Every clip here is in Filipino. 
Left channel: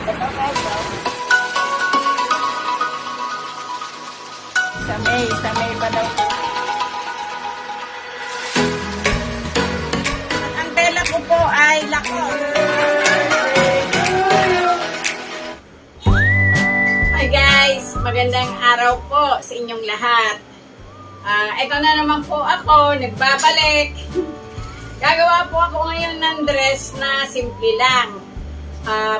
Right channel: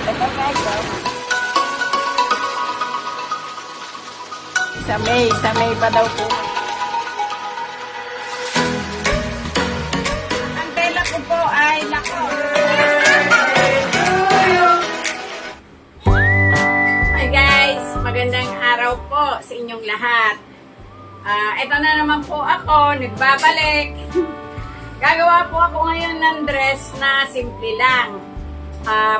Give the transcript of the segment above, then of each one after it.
Ito guys, sa May pa daw po. Ang tela ko po ay lako. Hi guys, magandang araw po sa inyong lahat. Ito na naman po ako, nagbabalik. Gagawa po ako ngayon ng dress na simple lang.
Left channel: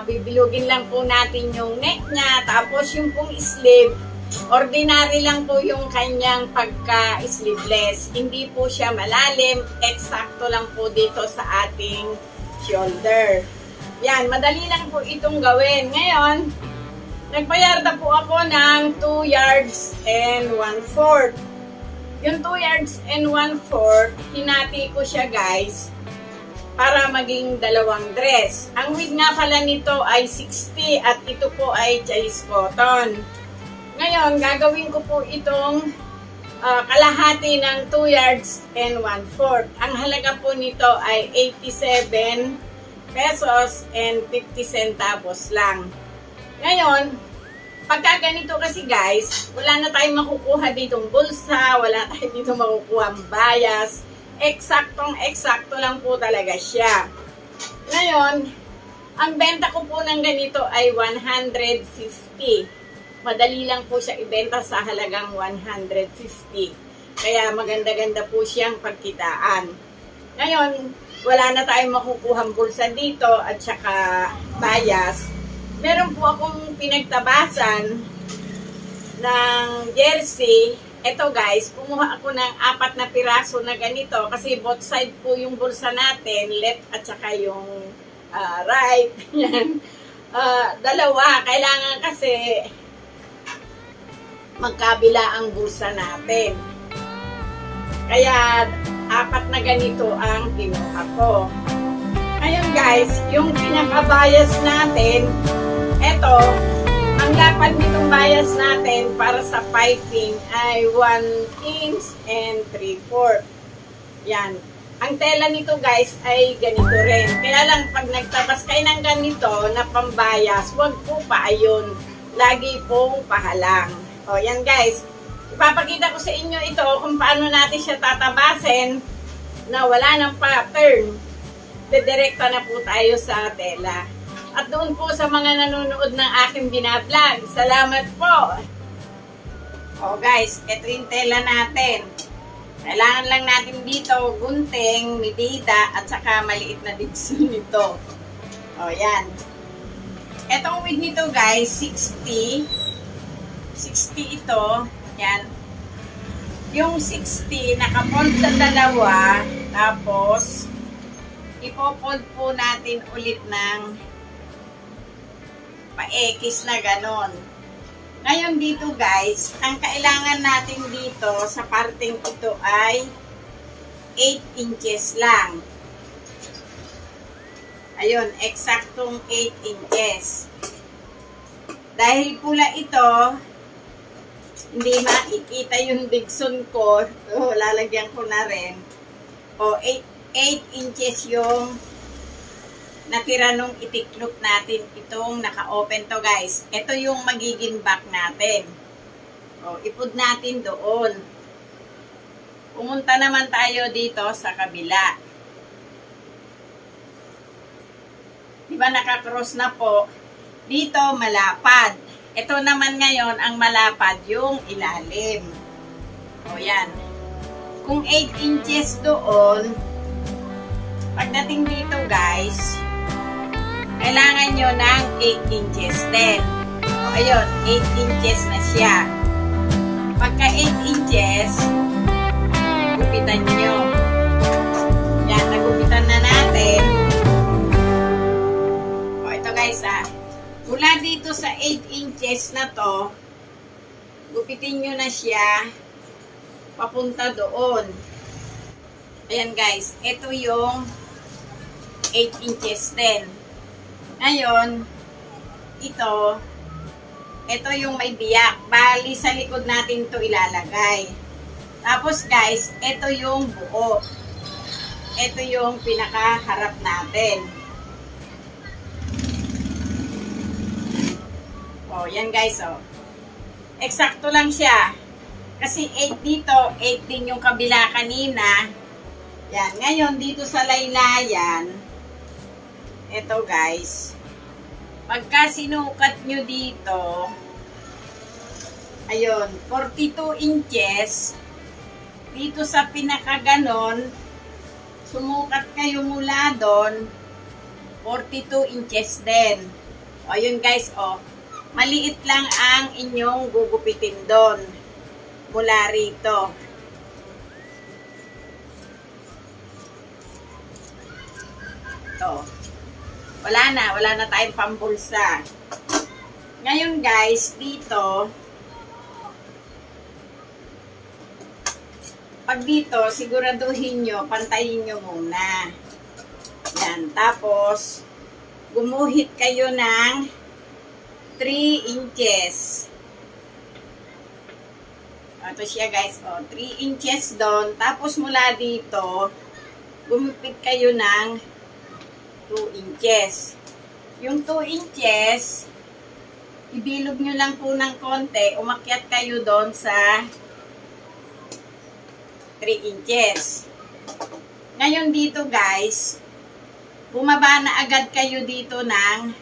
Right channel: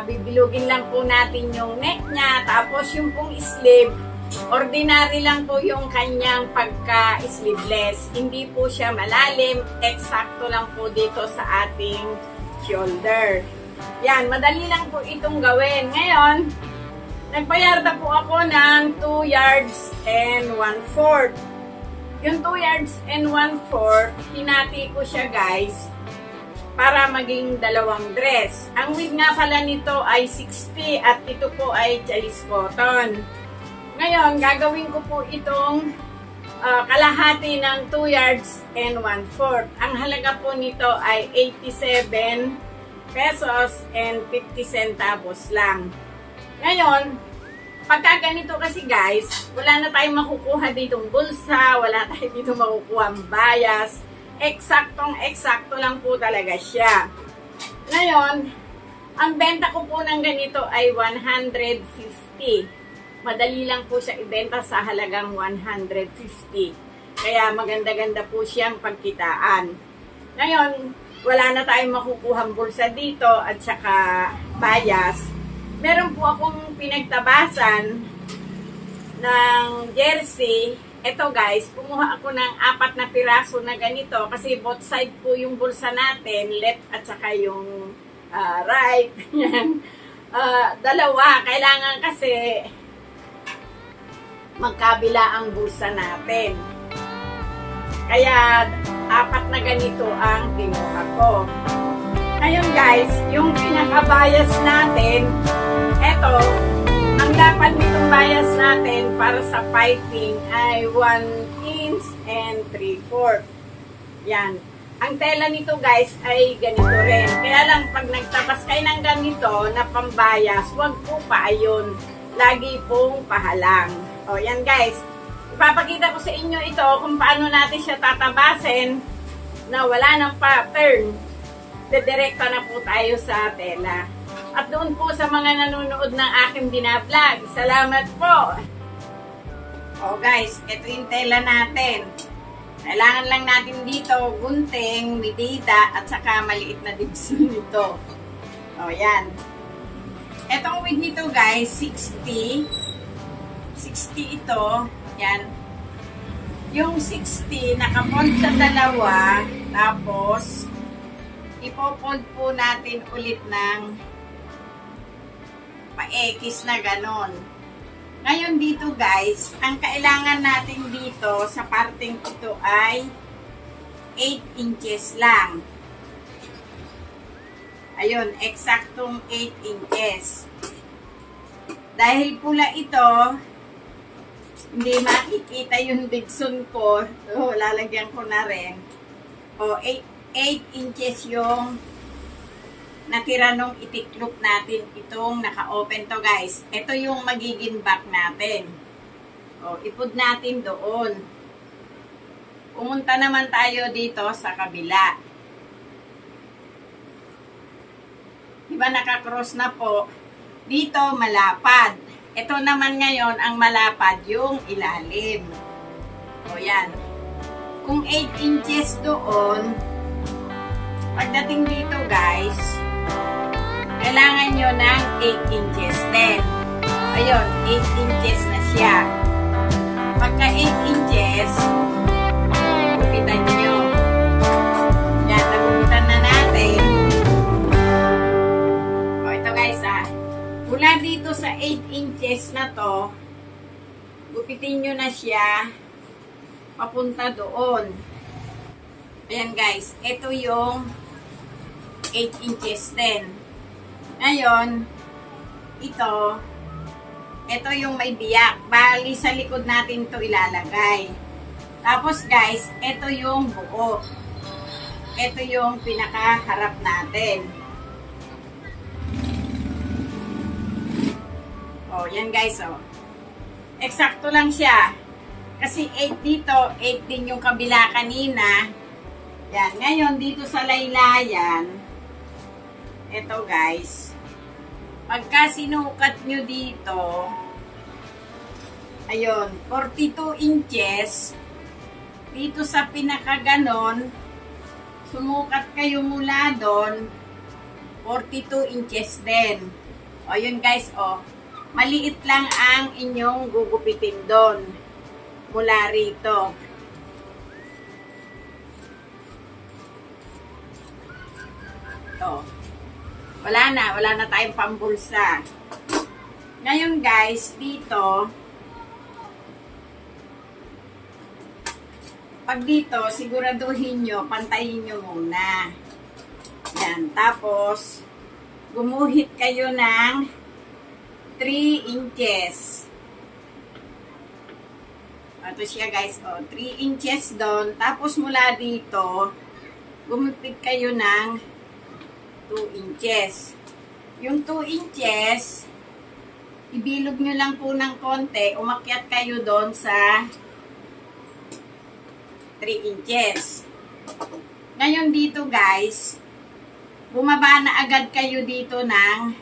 Bibilugin lang po natin yung neck niya, tapos yung pong sleeve, ordinary lang po yung kanyang pagka-sleeveless. Hindi po siya malalim, eksakto lang po dito sa ating shoulder. Yan, madali lang po itong gawin. Ngayon, nagpayarda po ako ng 2 yards and 1/4. Yung 2 yards and 1/4, hinati ko siya guys, para maging dalawang dress. Ang width nga pala nito ay 60 at ito po ay chalis cotton. Ngayon, gagawin ko po itong kalahati ng 2 yards and 1/4. Ang halaga po nito ay 87 pesos and 50 centavos lang. Ngayon, pagka ganito kasi guys, wala na tayong makukuha ditong bulsa, wala tayong dito makukuha ang bias. Eksaktong-eksakto lang po talaga siya. Ngayon, ang benta ko po ng ganito ay 150. Madali lang po siya ibenta sa halagang 150. Kaya maganda-ganda po siyang pagkitaan. Ngayon, wala na tayong makukuhang bulsa dito at saka bias. Meron po akong pinagtabasan ng jersey. Ito guys, kumuha ako ng 4 na piraso na ganito kasi both side po yung bulsa natin, left at saka yung right. Dalawa, kailangan kasi magkabila ang bulsa natin. Kaya 4 na ganito ang kinuha ko. Ngayon guys, yung pinaka-bias natin, ito, ang lapad nitong bias natin para sa piping ay 1 inch and 3/4. Yan. Ang tela nito guys ay ganito rin. Kaya lang pag nagtabas kayo ng ganito na pambayas, huwag po paayon. Lagi pong pahalang. O yan guys. Ipapakita ko sa inyo ito kung paano natin siya tatabasin na wala ng pattern. Dedirekta na po tayo sa tela. At doon po sa mga nanonood ng aking binablog, salamat po! O guys, ito yung tela natin. Kailangan lang natin dito gunting, medida, at saka maliit na digsun nito. O yan. Etong width nito guys, 60. 60 ito. Yan. Yung 60, nakafold sa dalawa. Tapos, ipofold po natin ulit ng pa-X na ganon. Ngayon dito guys, ang kailangan natin dito sa parteng ito ay 8 inches lang. Ayun, eksaktong 8 inches. Dahil pula ito, hindi makikita yung digsun ko. So, lalagyan ko na rin. O, 8 inches yung natira nung itiklop natin itong naka-open to guys. Ito yung magiging back natin. O, ipod natin doon. Pumunta naman tayo dito sa kabila. Diba naka-cross na po? Dito malapad. Ito naman ngayon ang malapad yung ilalim. O yan. Kung 8 inches doon, pagdating dito guys, kailangan nyo ng 8 inches din. O, ayun, 8 inches na siya. Pagka 8 inches, gupitan nyo. Yan, nagupitan na natin. O, ito guys mula dito sa 8 inches na to, gupitin nyo na siya papunta doon. Ayan guys, ito yung 8 inches din. Ngayon, ito yung may biyak. Bali, sa likod natin to ilalagay. Tapos guys, ito yung buo. Ito yung pinakaharap natin. Oh, yan guys, oh. Eksakto lang siya. Kasi 8 dito, 8 din yung kabila kanina. Yan, ngayon dito sa laylayan, ito guys, pagka sinukat nyo dito, ayun, 42 inches, dito sa pinakaganon, sumukat kayo mula doon, 42 inches din. O, yun guys, o, maliit lang ang inyong gugupitin doon, mula rito. Ito. Wala na tayong pambulsa. Ngayon guys, dito, pag dito, siguraduhin nyo, pantayin nyo muna. Yan, tapos, gumuhit kayo ng 3 inches. Ito siya guys, oh, 3 inches doon. Tapos mula dito, gumupit kayo ng 2 inches. Yung 2 inches, ibilog nyo lang po ng konti, umakyat kayo doon sa 3 inches. Ngayon dito guys, bumaba na agad kayo dito ng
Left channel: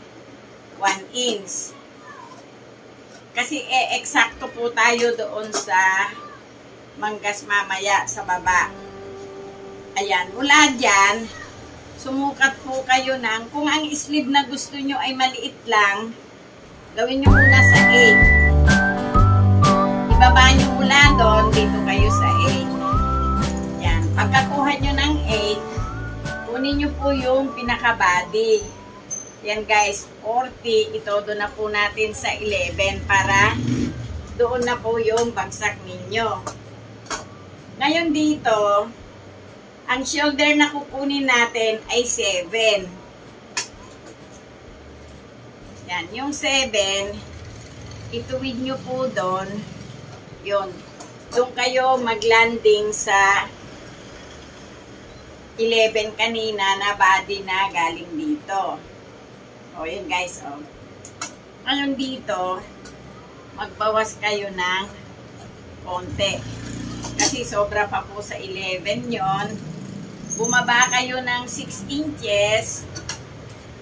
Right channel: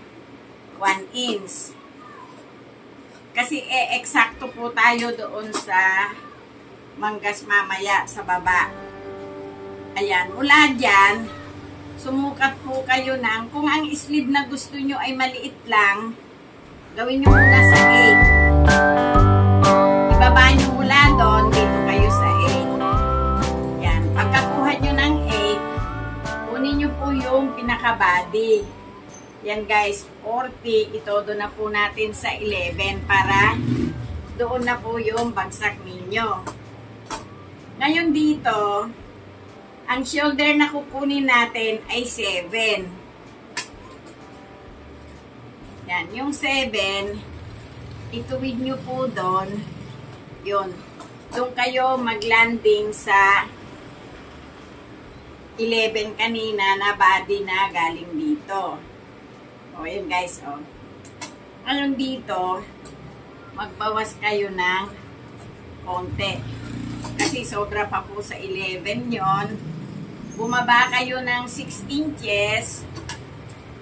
1 inch. Kasi eksakto po tayo doon sa manggas mamaya sa baba. Ayan, mula dyan, sumukat po kayo ng, kung ang sleeve na gusto nyo ay maliit lang, gawin nyo muna sa 8. Ibaba nyo mula doon, dito kayo sa 8. Yan. Pagkakuha nyo ng 8, kunin nyo po yung pinaka-body. Yan guys, 40. Ito doon na po natin sa 11 para doon na po yung bagsak ninyo. Ngayon dito, ang shoulder na kukunin natin ay 7. Yan, yung 7, ituwid nyo po doon. Yun. Doon kayo maglanding sa 11 kanina na body na galing dito. O, yun guys, o. Ngayon dito, magbawas kayo ng konti. Kasi sobra pa po sa 11 yon. Bumaba kayo ng 6 inches,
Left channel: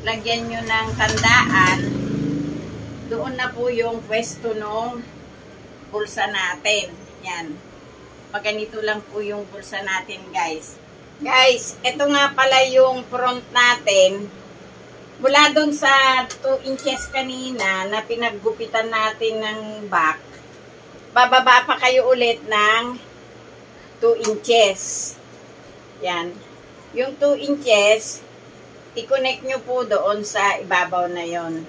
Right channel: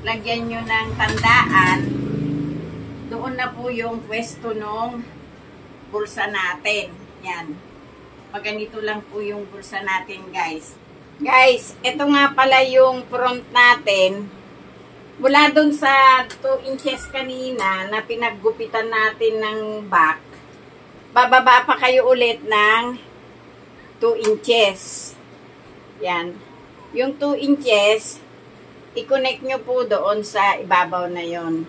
lagyan nyo ng tandaan, doon na po yung pwesto ng bulsa natin. Yan. Pag ganito lang po yung bulsa natin guys. Guys, ito nga pala yung front natin. Mula doon sa 2 inches kanina na pinaggupitan natin ng back, bababa pa kayo ulit ng 2 inches. Yan. Yung 2 inches, i-connect nyo po doon sa ibabaw na yon.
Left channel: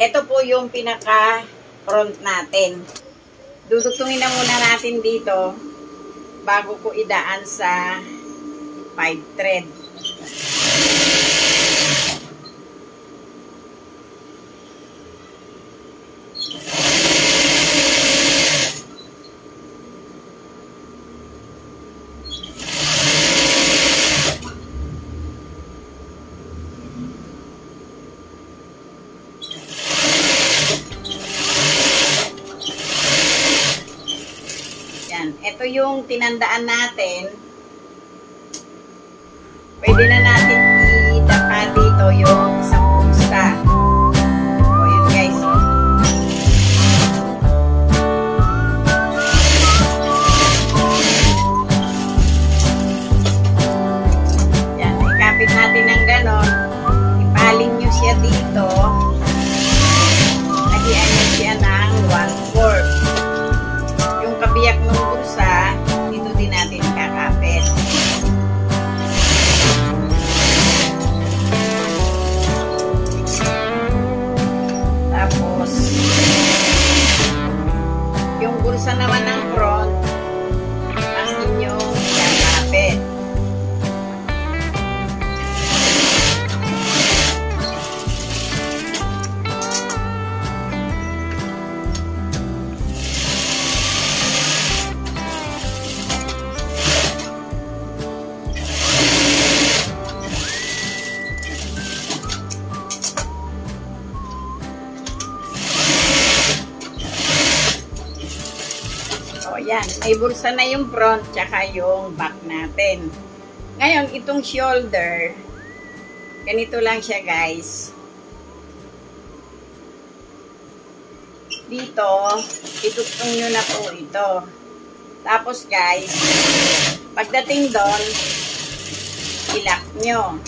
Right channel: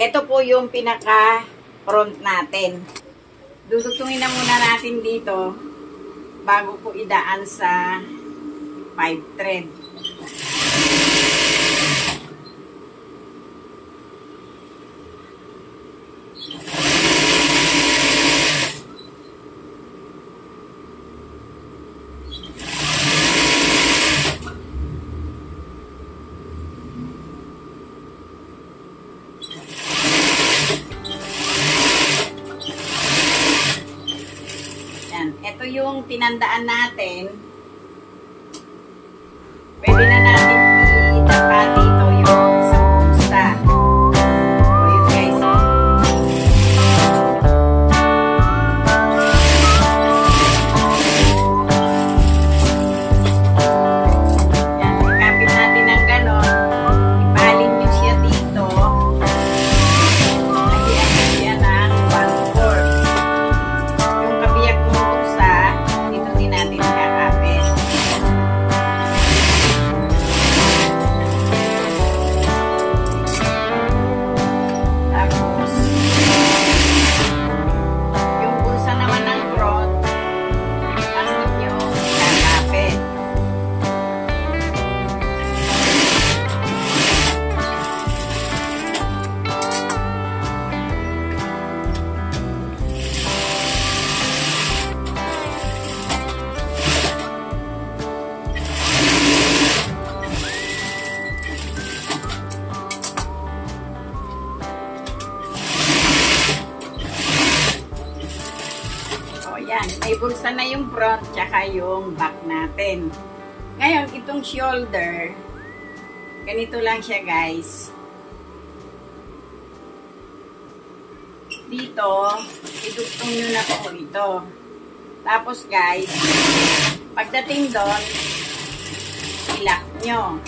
Ito po yung pinaka-front natin. Dudugtungin na muna natin dito bago ko idaan sa 5 thread. Ito yung tinandaan natin. Pwede na natin idapa dito yung sa pulsa. O yun guys. Yan, ikapit natin ng ganon. Ipalin nyo siya dito. Lagyan nyo siya ng 1/4. Yung kabiyak mo dito din natin kakapit. yan. May bulsa na yung front tsaka yung back natin. Ngayon, itong shoulder, ganito lang siya guys. Dito, itutong nyo na po ito. Tapos guys, pagdating doon, ilak nyo.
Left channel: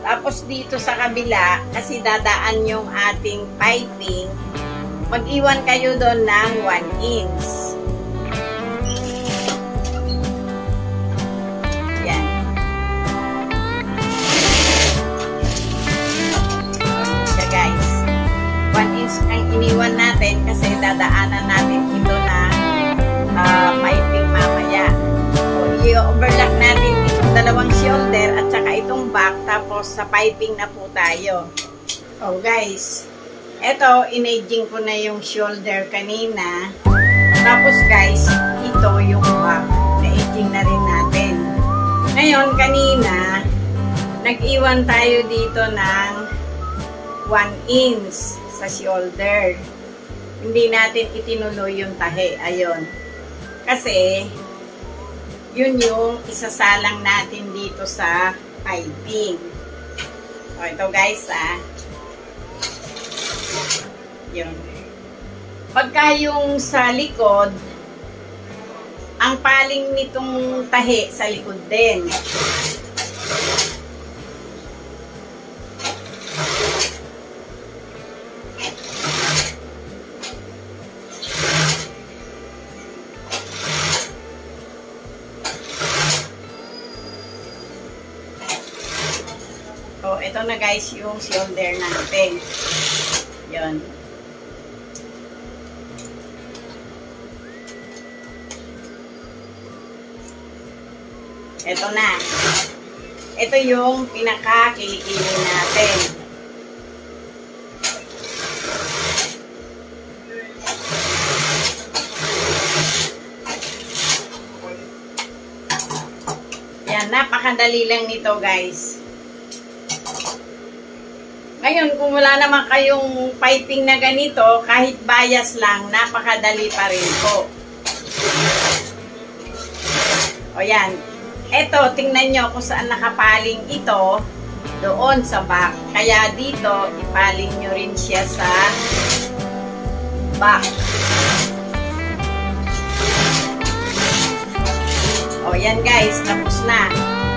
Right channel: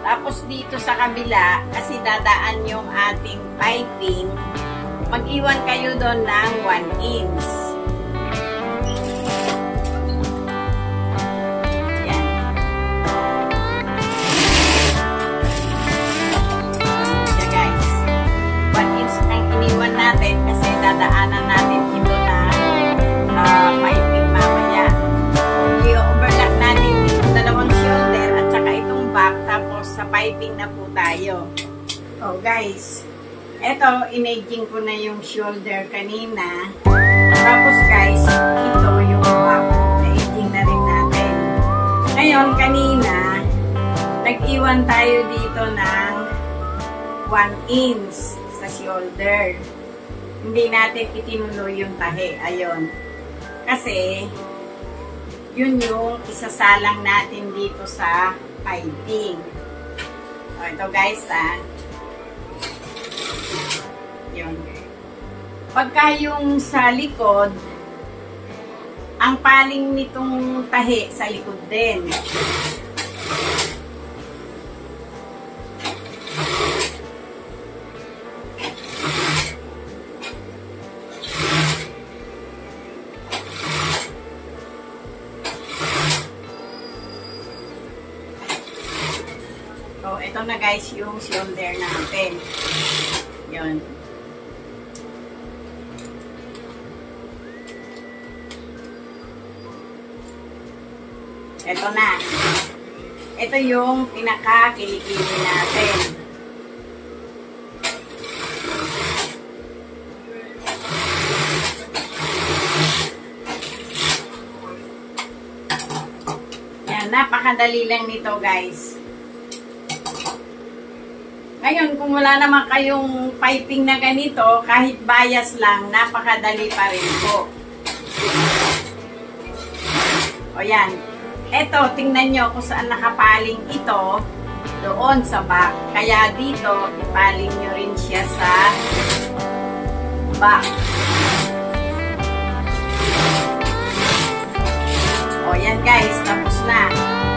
Tapos dito sa kabila, kasi dadaan yung ating piping, mag-iwan kayo doon ng 1 inch. Yan. So guys, 1 inch ang iniwan natin kasi dadaanan natin ito na piping mamaya. I-overlap natin itong dalawang shoulder at saka itong back, tapos sa piping na po tayo. Oh guys, eto, inaging ko na yung shoulder kanina. Tapos guys, ito yung back. Na-aging na rin natin. Ngayon, kanina, nag-iwan tayo dito ng 1 inch sa shoulder. Hindi natin itinuloy yung tahi. Ayun. Kasi, yun yung isasalang natin dito sa piping. So, ito guys, yun. Pagka yung sa likod, ang paling nitong tahi sa likod din. So, ito na guys yung shoulder natin. Yun. Ito na. Ito yung pinaka-kilikili natin. Yan, napakadali lang nito guys. Ngayon, kung wala naman kayong piping na ganito, kahit bias lang, napakadali pa rin po. O yan. Eto, tingnan nyo kung saan nakapaling ito, doon sa back. Kaya dito, ipaling nyo rin siya sa back. O yan guys, tapos na.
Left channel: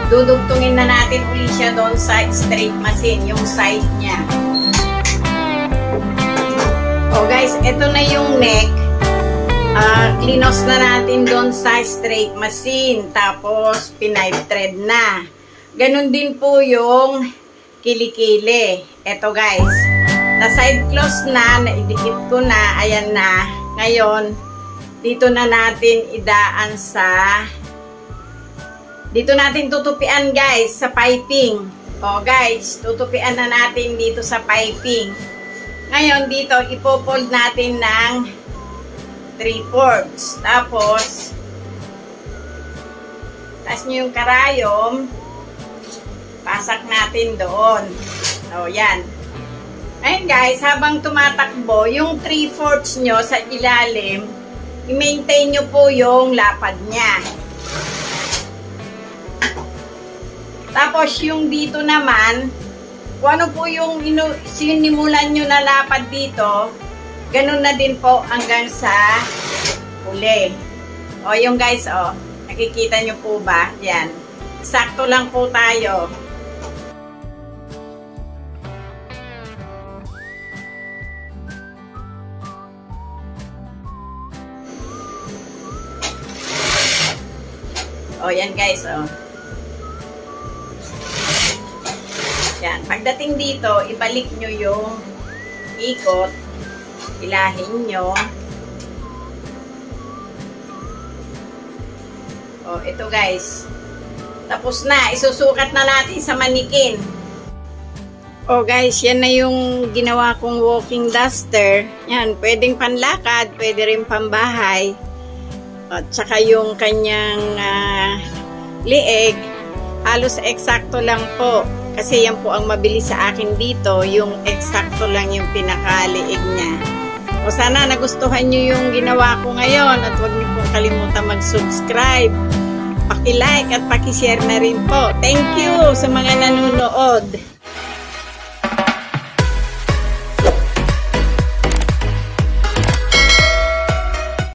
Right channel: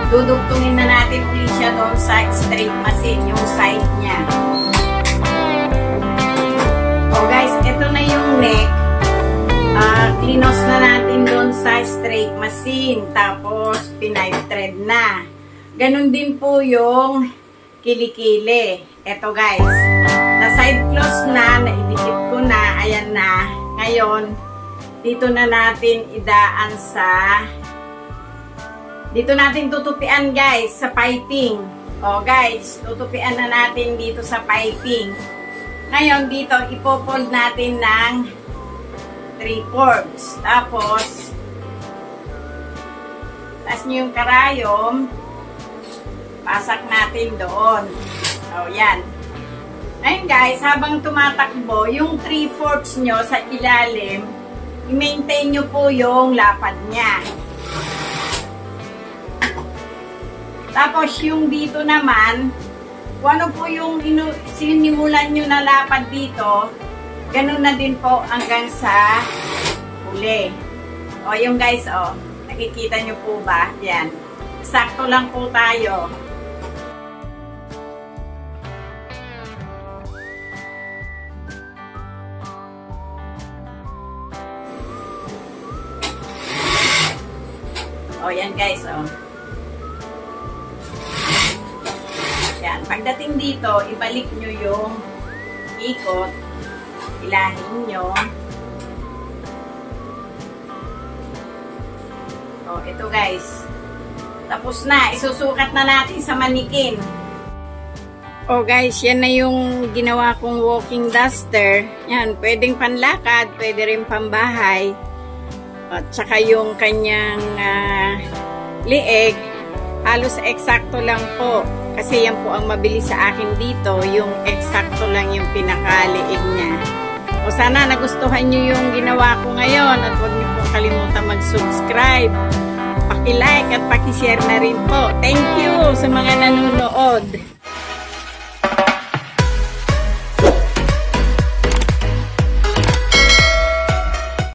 Dudugtungin na natin ulit siya doon sa straight machine, yung side niya. O guys, ito na yung neck. Klinos na natin doon sa straight machine. Tapos, pinipe thread na. Ganon din po yung kilikili. Ito guys. Na side close na, naidikit ko na. Ayan na. Ngayon, dito na natin idaan sa... Dito natin tutupian guys sa piping. O guys, tutupian na natin dito sa piping. Ngayon, dito ipofold natin ng 3/4. Tapos, taas nyo yung karayom, pasak natin doon. O, yan. Ayun guys, habang tumatakbo, yung 3/4 nyo sa ilalim, i-maintain nyo po yung lapad niya. Tapos, yung dito naman, kung ano po yung sinimulan nyo na lapad dito, ganun na din po hanggang sa huli. O, yung guys, o. Nakikita nyo po ba? Yan. Sakto lang po tayo. O, yan guys, o. Yan. Pagdating dito, ibalik nyo yung ikot. Ilahin nyo. O, ito guys. Tapos na. Isusukat na natin sa manikin. O guys, yan na yung ginawa kong walking duster. Yan, pwedeng panlakad, pwede rin pambahay. At saka yung kanyang lieg, halos eksakto lang po. Kasi yan po ang mabilis sa akin dito, yung eksakto lang yung pinakaliig niya. O O sana nagustuhan nyo yung ginawa ko ngayon at huwag niyo pong kalimutan mag-subscribe. Paki-like at paki-share na rin po. Thank you sa mga nanonood.